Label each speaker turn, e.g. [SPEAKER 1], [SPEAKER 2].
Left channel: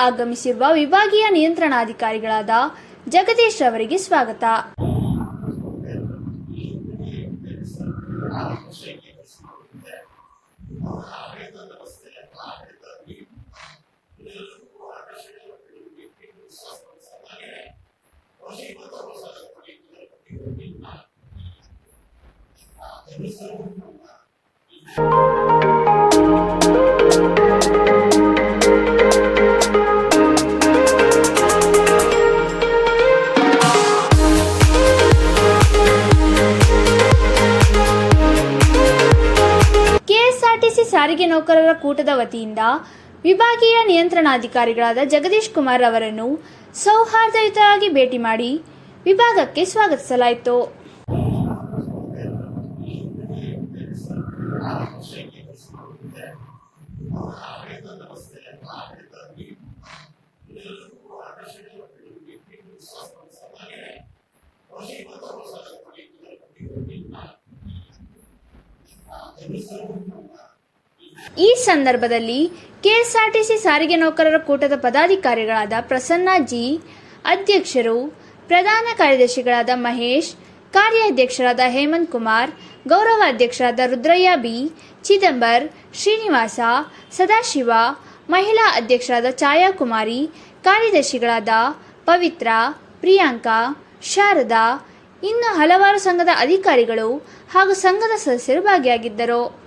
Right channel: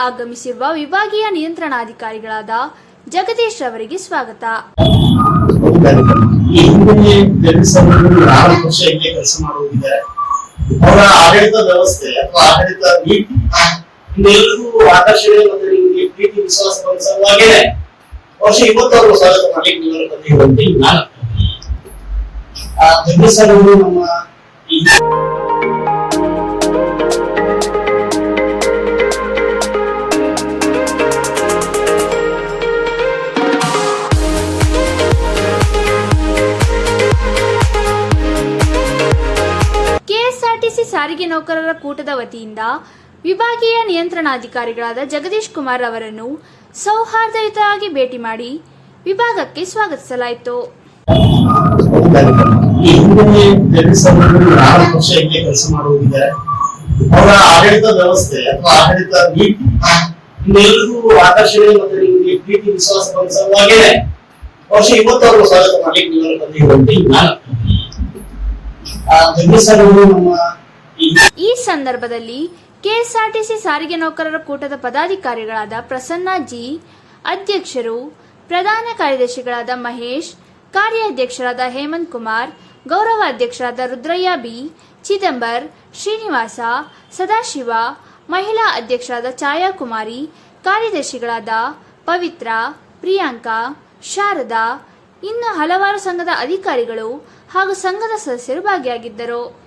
[SPEAKER 1] ಆಗಮಿಸಿರುವ ವಿಭಾಗೀಯ ನಿಯಂತ್ರಣಾಧಿಕಾರಿಗಳಾದ ಜಗದೀಶ್ ಅವರಿಗೆ ಸ್ವಾಗತ.
[SPEAKER 2] ಆಡಳಿತ ವ್ಯವಸ್ಥೆ ಅಥವಾ ಆಡಳಿತ ನೀತಿ ಎಲ್ಲರಿಗೂ ಆಕರ್ಷಣೆ ಮತ್ತು ನಿಮಗೆ ಪ್ರೀತಿ ವಿಶ್ವಾಸ ಬರುವ ಸಲುವಾಗಿಯೇ ವರ್ಷ ಇವತ್ತು ಸ್ವಾಗತ ಮಾಡಲಿಕ್ಕೆ ನಾನು ಈ
[SPEAKER 1] ಸಾರಿಗೆ ನೌಕರರ ಕೂಟದ ವತಿಯಿಂದ ವಿಭಾಗೀಯ ನಿಯಂತ್ರಣಾಧಿಕಾರಿಗಳಾದ ಜಗದೀಶ್ ಕುಮಾರ್ ಅವರನ್ನು ಸೌಹಾರ್ದಯುತವಾಗಿ ಭೇಟಿ ಮಾಡಿ ವಿಭಾಗಕ್ಕೆ ಸ್ವಾಗತಿಸಲಾಯಿತು.
[SPEAKER 2] ಅವರ ಆಡಳಿತ ವ್ಯವಸ್ಥೆ ಅಥವಾ ಆಡಳಿತ ನೀತಿ ಇನ್ನೆಲ್ಲರಿಗೂ ಆಕರ್ಷಣೆ ಮತ್ತು ನಿಮಗೆ ಪ್ರೀತಿ ವಿಶ್ವಾಸ ಸಲುವಾಗಿಯೇ ವರ್ಷ ಇವತ್ತು ಅವರು ಸ್ವಾಗತ ಮಾಡಿ ನೀವೆಲ್ಲ ಬಂದಿರುವಂತೆ ನಾನು ಜಗದೀಶ್ ಅವರು ನಮ್ಮ
[SPEAKER 1] ಈ ಸಂದರ್ಭದಲ್ಲಿ ಕೆಎಸ್ಆರ್ಟಿಸಿ ಸಾರಿಗೆ ನೌಕರರ ಕೂಟದ ಪದಾಧಿಕಾರಿಗಳಾದ ಪ್ರಸನ್ನ ಜಿ, ಅಧ್ಯಕ್ಷರು, ಪ್ರಧಾನ ಕಾರ್ಯದರ್ಶಿಗಳಾದ ಮಹೇಶ್, ಕಾರ್ಯಾಧ್ಯಕ್ಷರಾದ ಹೇಮಂತ್ ಕುಮಾರ್ ಗೌರವ ಅಧ್ಯಕ್ಷರಾದ ರುದ್ರಯ್ಯ ಬಿ, ಚಿದಂಬರ್, ಶ್ರೀನಿವಾಸ, ಸದಾಶಿವ, ಮಹಿಳಾ ಅಧ್ಯಕ್ಷರಾದ ಛಾಯಾ ಕುಮಾರಿ ಕಾರ್ಯದರ್ಶಿಗಳಾದ ಪವಿತ್ರ, ಪ್ರಿಯಾಂಕಾ, ಶಾರದಾ, ಇನ್ನು ಹಲವಾರು ಸಂಘದ ಅಧಿಕಾರಿಗಳು ಹಾಗೂ ಸಂಘದ ಸದಸ್ಯರು ಭಾಗಿಯಾಗಿದ್ದರು.